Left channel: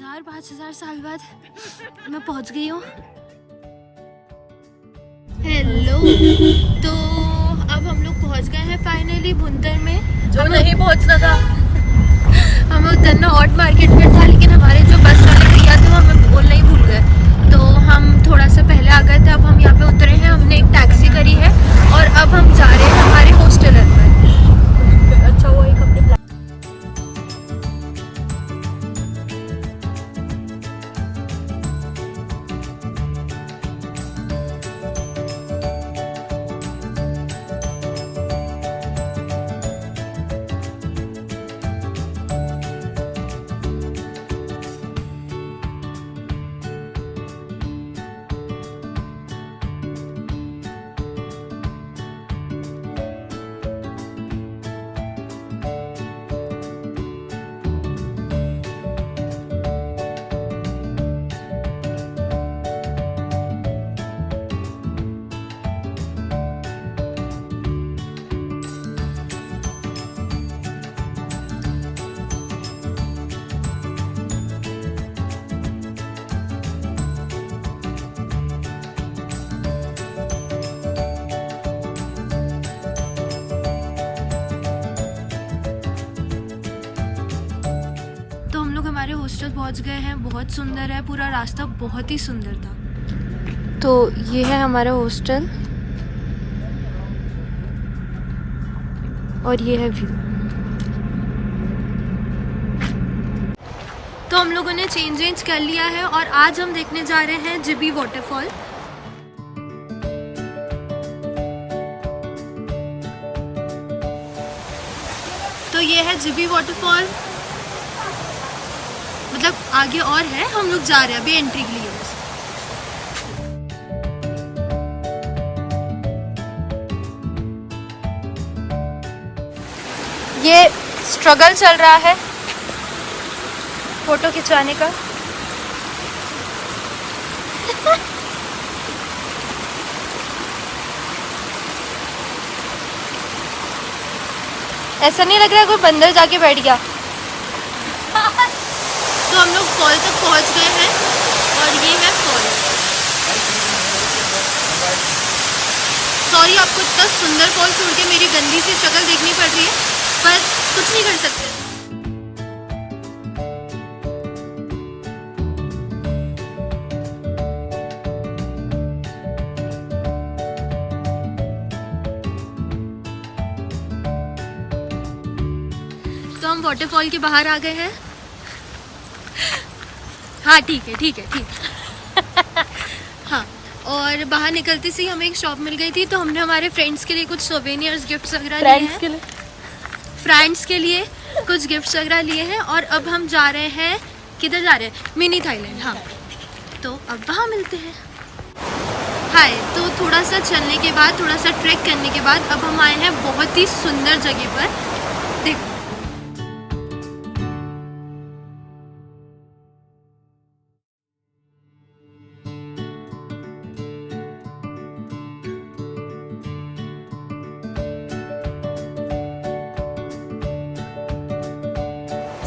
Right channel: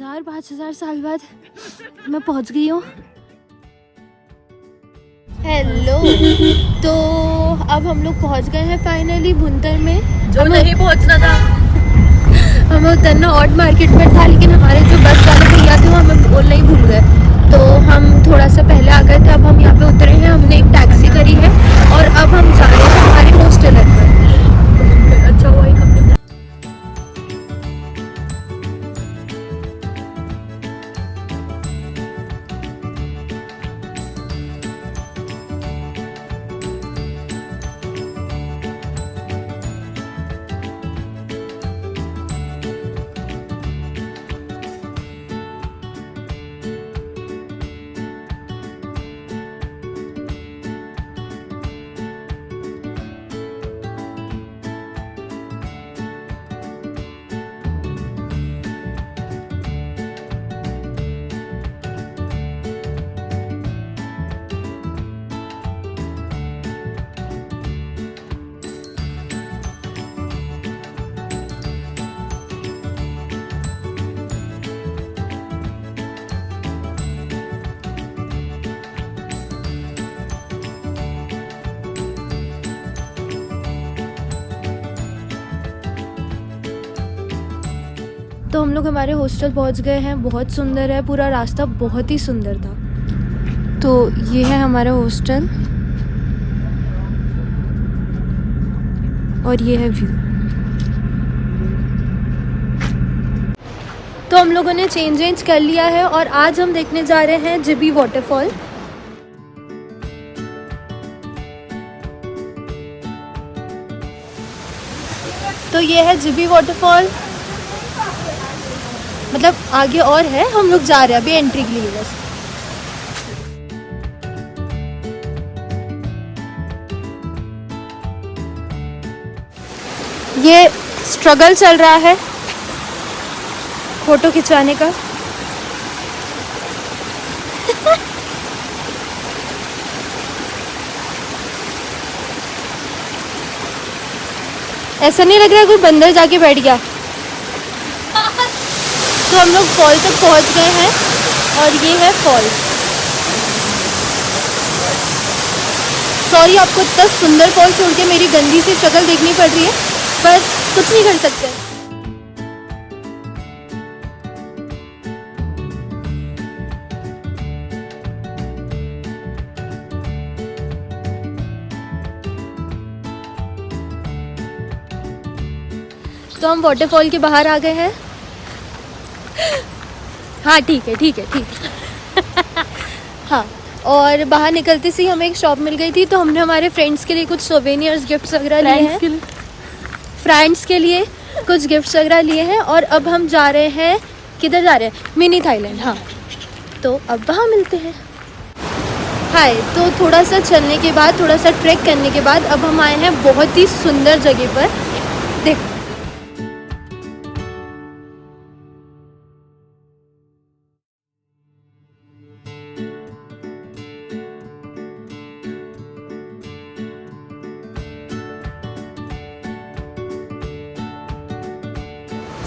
5000 साल बाद मैं पहुंच गई हूँ। हेलो, तो अब हम लोग पहुंच गए हैं फाइनली भुंतर में। हमें नहीं पहुंचना था, हमें उतरना ऑट मार्केट में था, लेकिन हमारे जो बस वाले भैया थे वो हमें बोलना ही भूल गए, तो हम थोड़ा सा पहले आ गए थे। अब हम यहाँ पे उतरे हैं, हमने एक टैक्सी करी है और अब हम जा रहे हैं हमारे हॉस्टल पर। अच्छा हुआ एक हमने तो हम लोग हमारे हॉस्टल पहुंच गए हैं। बहुत सुंदर है, पूरा रास्ता बहुत ही सुंदर था। तो ये है हमारा हॉस्टल और ये है व्यू। तो हम लोगों ने चेंज कर लिया है और आज हम देखने जा रहे हैं जिबी वाटरफॉल। तो ये है जिबी वाटरफॉल, मतलब आगे और है, हम लोग जा रहे हैं अभी एंट्री के लिए बस। ये स्ट्रगल चल रहा है फोटो खिंचवाने का। ऐसा नहीं लग रहा कोई बंदर जाके बैठ गया। तो हम लोग फॉल तक पहुंच गए हैं और ये है फॉल। सॉरी, आपको इतना सुंदर फॉल छोड़ के मेरी गंदी सी शक्ल देखनी पड़ रही है, पर कुछ नहीं कर सकते। तो हम वाटरफॉल के बाहर आ गए हैं। हाँ ठीक है। हाँ, और बाहर निकलते से हमें एक शॉप मिल गई थी, तो हमने हमारे फ्रेंड्स के लिए कुछ सोवेनियर्स गिफ्ट्स वगैरह लिए हैं। फ्रेंड्स के लिए कुछ गिफ्ट्स वगैरह लिए हैं और अब हम जा रहे हैं, किधर जा रहे हैं? Mini Thailand. हाँ, तो अब वहाँ मिलते हैं। हाय, तो थोड़ा सा चलने के बाद, थोड़ा सा ट्रैक करने के बाद अब हम आए हैं बहुत ही सुंदर जगह पर। देखो,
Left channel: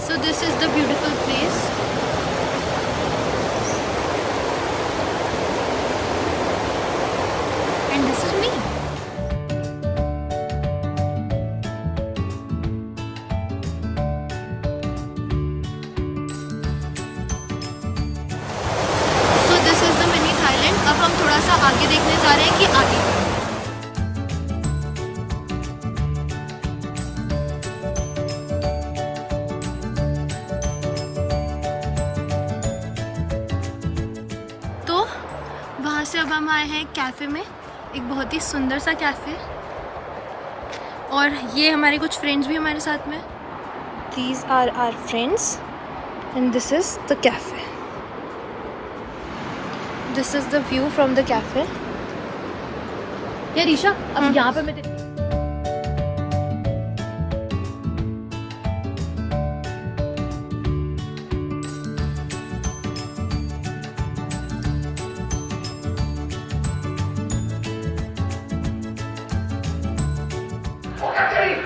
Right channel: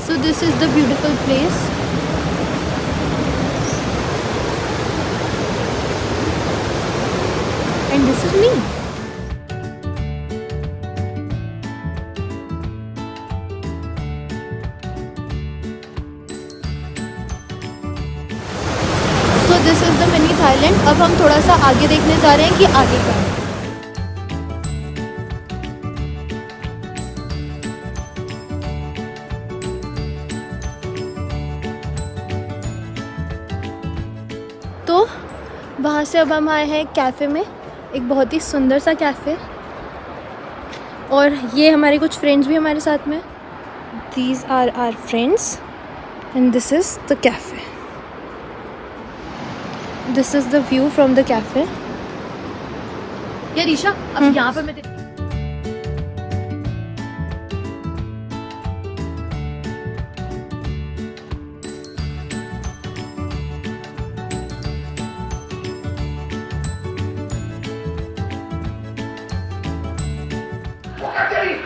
so this is the beautiful place. And this is me. So this is the mini Thailand. अब हम थोड़ा सा आगे देखने जा रहे हैं कि आगे क्या है। तो वहाँ से अब हम आए हैं कैफ़े में, एक बहुत ही सुंदर सा कैफ़े, और ये हमारे कुछ फ्रेंड्स भी हमारे साथ में। These are our friends and this is the cafe. This is the view from the cafe. ये रीशा, अब यहाँ पर मैं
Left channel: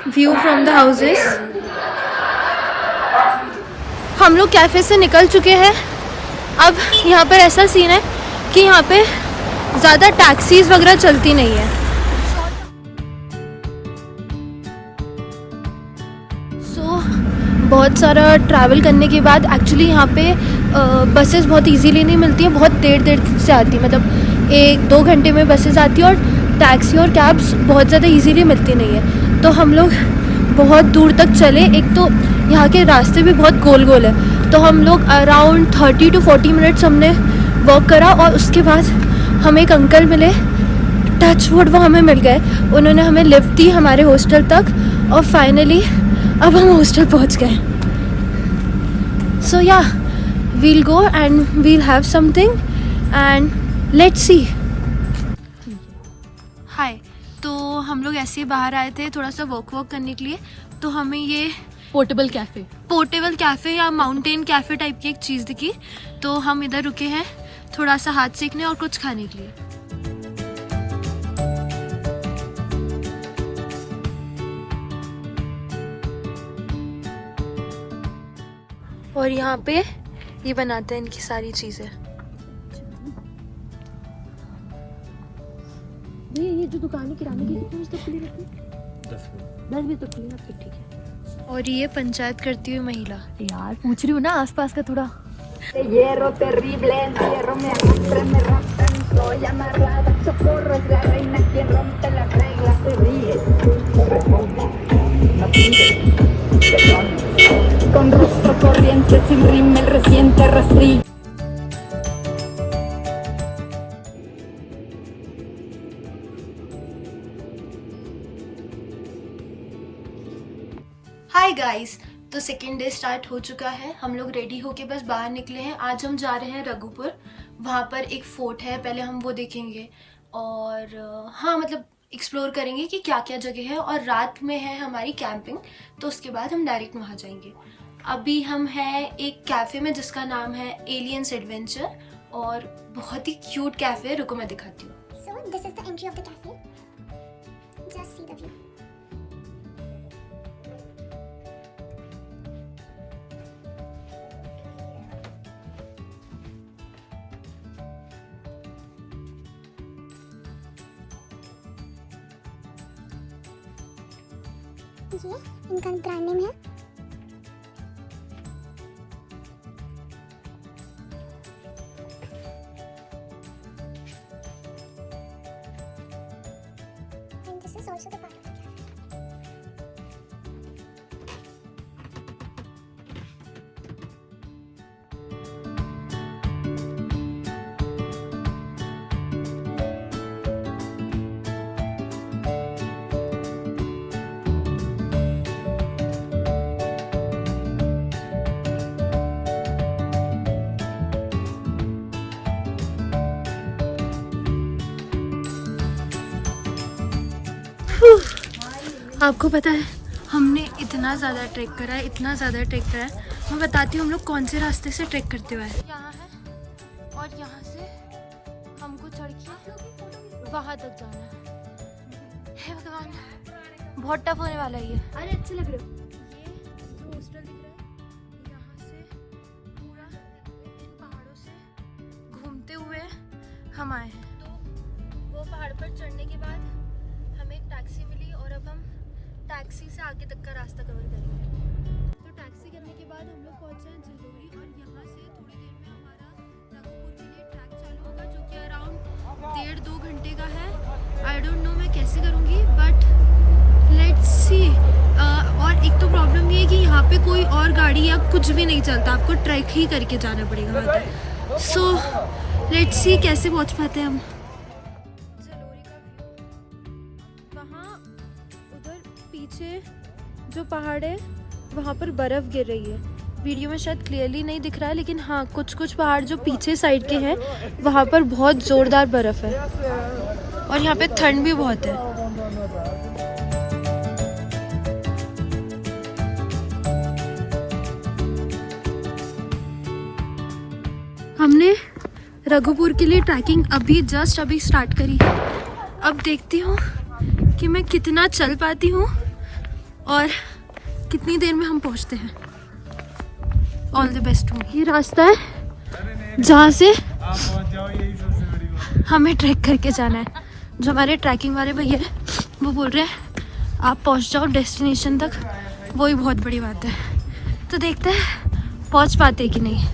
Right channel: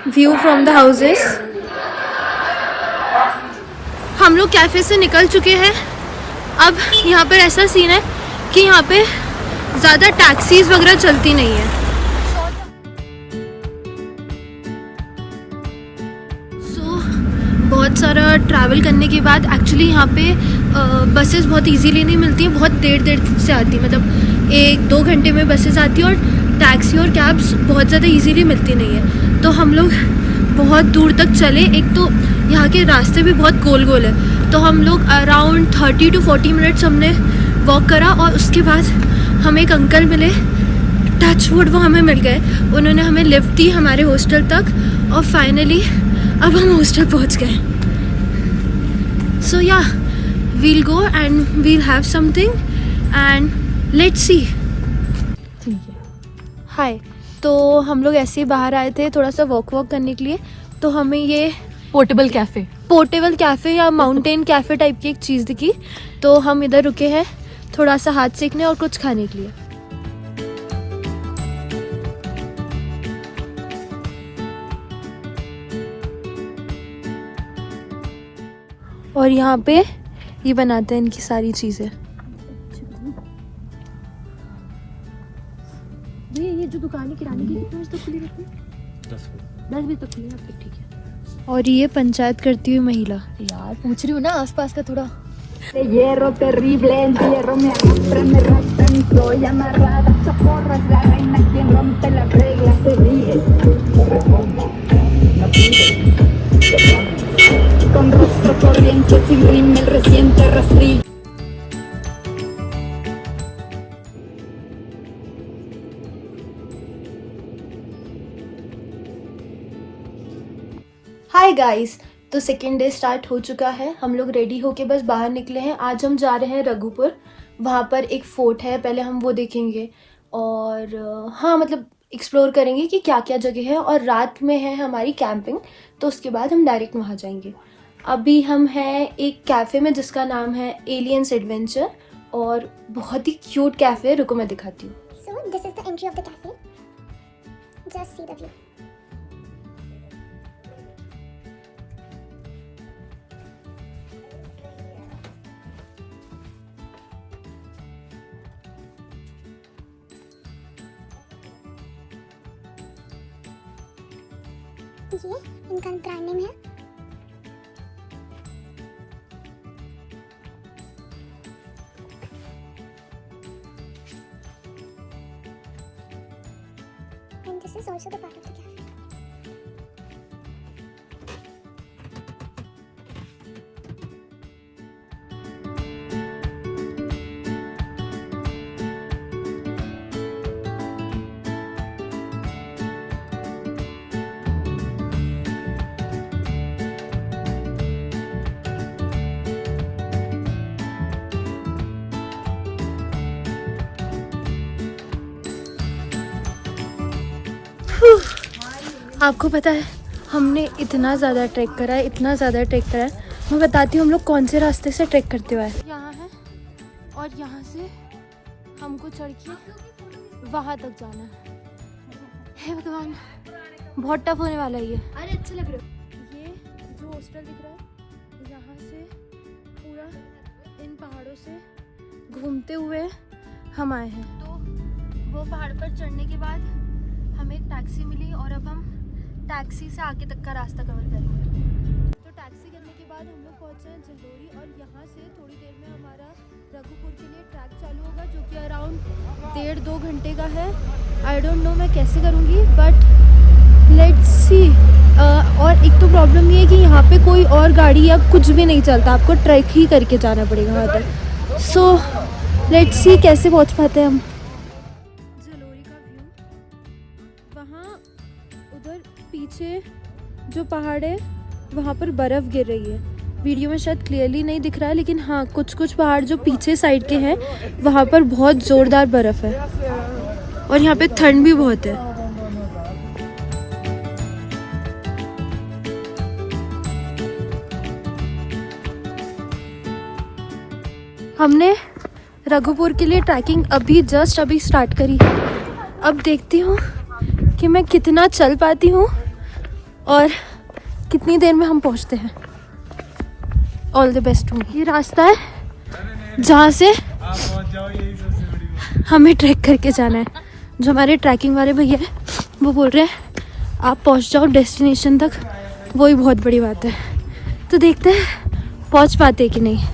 व्यू फ्रॉम द हाउसेस। हाँ, हम लोग कैफ़े से निकल चुके हैं। अब यहाँ पर ऐसा सीन है कि यहाँ पे ज़्यादा टैक्सीज वगैरह चलती नहीं है। सो बहुत सारा ट्रैवल करने के बाद एक्चुअली यहाँ पे बसेस बहुत इजीली नहीं मिलती हैं, बहुत देर से आती, मतलब 1-2 घंटे में बसेस आती है और टैक्सी और कैब्स बहुत ज़्यादा इजीली मिलती नहीं है। तो हम लोग बहुत दूर तक चले, एक तो यहाँ के रास्ते भी बहुत गोल है, तो हम लोग अराउंड 30 to 40 मिनट्स हमने वॉक करा और उसके बाद हमें एक अंकल मिले, टच वुड वो हमें मिल गए। उन्होंने हमें लिफ्ट दी हमारे हॉस्टल तक और फाइनली अब हम हॉस्टल पहुँच गए। So yeah we'll go and we'll have something and let's see. Hi, तो हम लोग ऐसे ही बाहर आए थे थोड़ा सा वॉक करने के लिए, तो हमें ये पोर्टेबल कैफे या माउंटेन कैफे टाइप की एक चीज़ दिखी, तो हम इधर रुके हैं थोड़ा सा हाथ सेकने और कुछ खाने के लिए। और यहाँ पे ये बनाते हैं इनकी सारी चीज़ें। और ये पंचायत करती हुई महिला। यार पूछ रही हूँ ना आसपास का थोड़ा। हाय गाइस, तो सेकेंड डे स्टार्ट हो चुका है, हम लोग रेडी होके बस बाहर निकले हैं। आज हम जा रहे हैं रघुपुर, वहाँ पर एक फोर्ट है, पहले हम वो देखेंगे और हाँ मतलब एक्सप्लोर करेंगे कि क्या क्या जगह है, और रात में है हमारी कैंपिंग, तो उसके बाद हम डायरेक्ट वहाँ जाएंगे। अभी हम हैं एक कैफ़े में जिसका नाम है एलियंस एडवेंचर, और बहुत ही क्यूट कैफ़े है, रुको मैं दिखाती हूँ। So this is the entry of the cafe. Just see the view. ये इनका ब्रांड नेम है। And this is also the part of the cafe. आपको पता है हमने इतना ज़्यादा ट्रैक करा है, मैं बताती हूँ हम लोग कौन से रास्ते से ट्रैक करते हुए आए। यहाँ है और यहाँ से हमको चढ़ के वहाँ तक जाना है। हे भगवान, बहुत टफ होने वाला है ये। अरे अच्छे लग रहे हो। ये जो हॉस्टल दिख रहा है, यहाँ से पूरा इन पहाड़ों से घूमते हुए हम आए हैं। तो वो पहाड़ पर चढ़ने के बाद हमें एक टैक्सी मिली और अब हम टैक्सी से आगे तक का रास्ता कवर करेंगे। तो टैक्सी करने के बाद हम लोग पहुँचे हैं जलोरी, और यहाँ से थोड़ी देर में हमारा रघुपुर के लिए ट्रैक चालू होगा, जो कि अराउंड 1.5-2 घंटे का है। आई डोंट नो मैं कैसे करूँगी, बट लेट्स सी। और एक तो प्रॉब्लम ये है कि यहाँ पे कोई और गाड़ी या कुछ भी नहीं चलता, आपको ट्रैक ही करके जाना पड़ेगा वहाँ तक। सो लेट्स सी कैसे पहुँच पाते हैं हम। उधर पीछे जो पहाड़ है वहाँ पर बर्फ़ गिर रही है, वीडियो में शायद क्लियरली नहीं दिख रहा है, लेकिन हाँ कुछ पहाड़ जो पीछे साइड के हैं वहाँ पर बहुत ज़ोरदार बर्फ़ है, और यहाँ पे ठंड भी बहुत है। हमने रघुपुर के लिए ट्रैकिंग अभी स्टार्ट करी है। अब देखती हूँ कि मैं कितना चल पाती हूँ और कितनी देर में हम पहुँचते हैं। ऑल द बेस्ट हो। ये रास्ता है जहाँ से हमें ट्रैक करके जाना है। जो हमारे ट्रैकिंग वाले भैया हैं वो बोल रहे हैं आप पहुँच जाओ डेस्टिनेशन तक, वही बहुत बड़ी बात है। तो देखते हैं पहुँच पाते कि नहीं।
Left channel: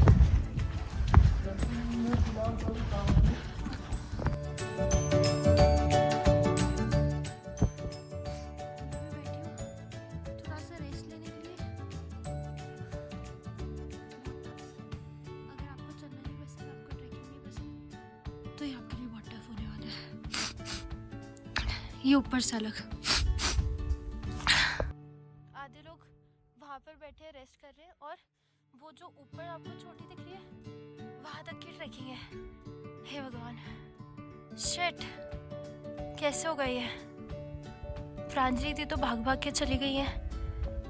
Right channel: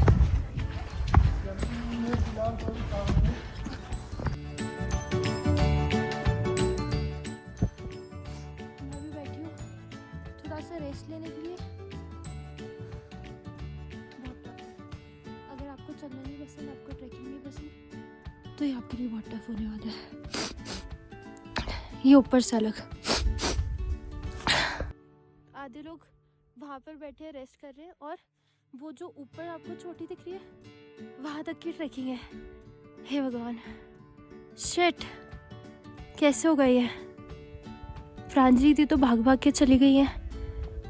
तो ये आपके लिए बहुत टफ होने वाला है। ये ऊपर से अलग। आधे लोग वहां पर बैठे रेस्ट कर रहे हैं और वो जो ऊपर आपको चोटी दिख रही है वहां तक की ट्रैकिंग है। हे भगवान, शिट, कैसे हो गई है। प्रांजलि थी तो भाग भाग के चली गई है,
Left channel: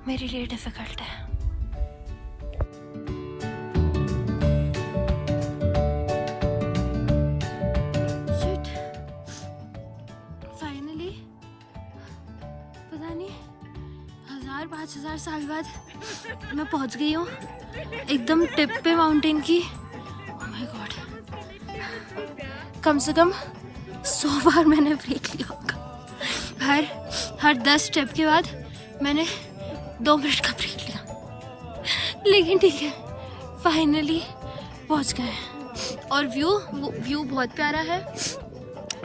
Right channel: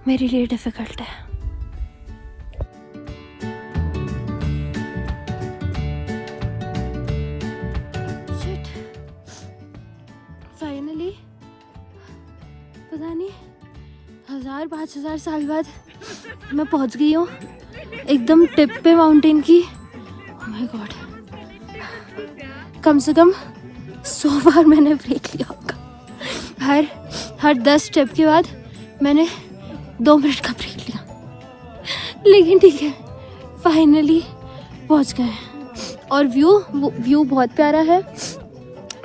मेरे लिए डिफिकल्ट है। पता नहीं 1000-5000 साल बाद मैं पहुंच गई हूँ एकदम टिप पे माउंटेन की। ओह माय गॉड, कम से कम 100 बार मैंने ब्रेक लिया होगा। हर 10 स्टेप के बाद मैंने 2 मिनट का ब्रेक लिया, लेकिन ठीक है, फाइनली पहुंच गए। और व्यू बहुत प्यारा है,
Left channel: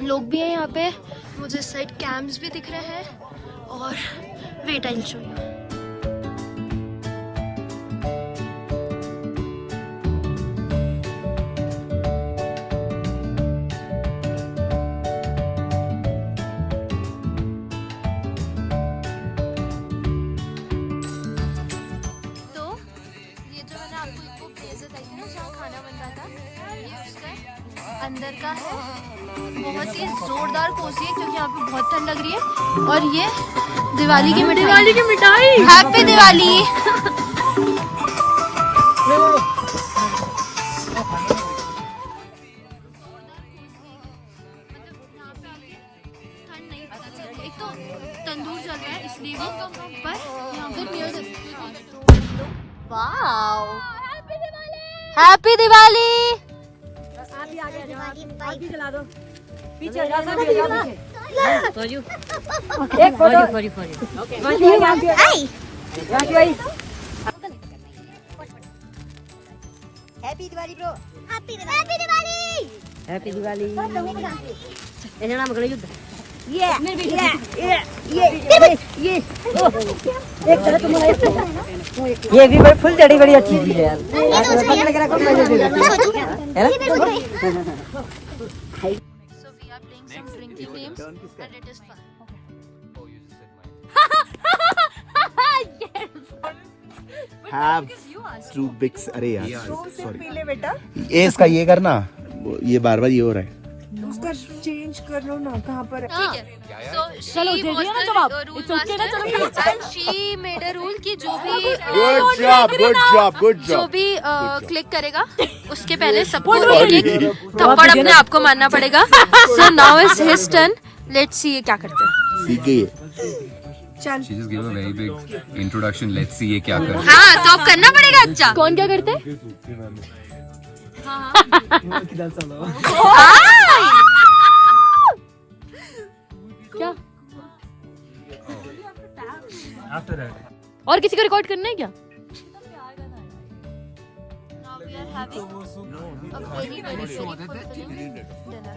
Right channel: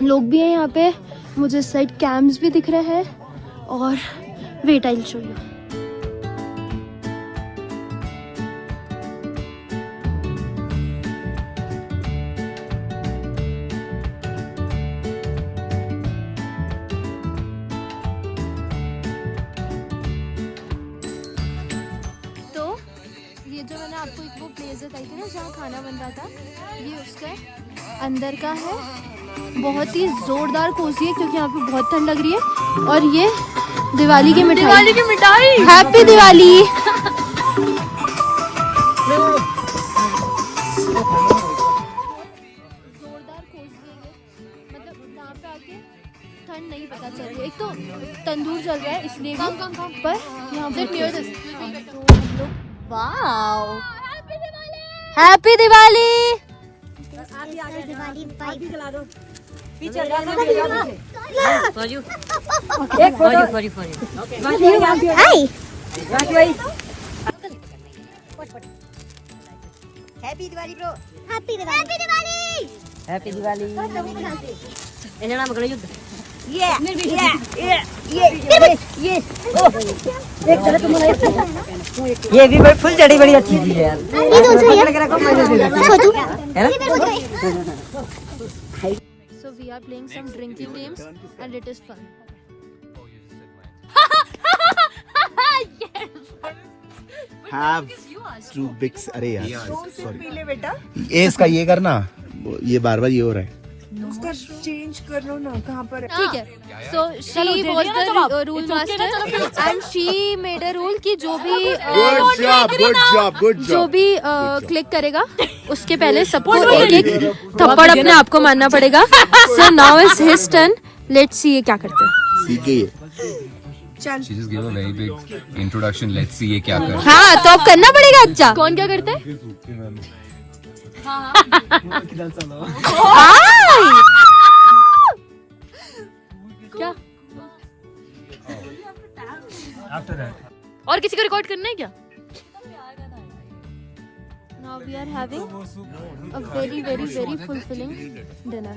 लोग भी हैं यहाँ पे, मुझे साइड कैंप्स भी दिख रहे हैं। और wait I will show you. तो ये जो मैंने आपको एक वो प्लेस बताई थी ना जहाँ खाना बन रहा था, ये उसका अंदर का है। बहुत ही जोरदार कोसी है क्योंकि यहाँ पे बहुत ठंड लग रही है। और ये दिवाली की मिठाई, हैप्पी दिवाली। जोरदार कोसी है ये, मतलब यहाँ पे आके ठंड नहीं पता चल रही है। एक तो तंदूर चल रहा है इसलिए भी, पर यहाँ बहुत कोसी। Wow, happy Diwali. पीछे जा सकते हो, for you. For you. Hi. Happy Diwali bro. Happy Diwali. Happy Diwali. इन्हें नाम करेंगे। ये भी बड़ी फुल चढ़ी बड़ी अच्छी है। ये दो है छोटू। So we are playing some drinking games and it is fun. Have two big अरे यार ये इसका ये करना, ये बार ये हो रहा है। उसका चेंज कर लो ना, कहाँ पर है? ठीक है। So she was the rule master and she made a rule कि जो भी Good जो job. भी क्लिक करेगा उसके पहले सबको एक थप्पड़ अपने आप को मारना पड़ेगा। So now is his turn. Let's see ये क्या करते हैं। She just gave a very big introduction. Let's see ये क्या कर। हाँ तो अब करना पड़ेगा। अच्छा कौन क्या करते हैं? और किसी को रिकॉर्ड करना है क्या? Now we are having a very fulfilling dinner.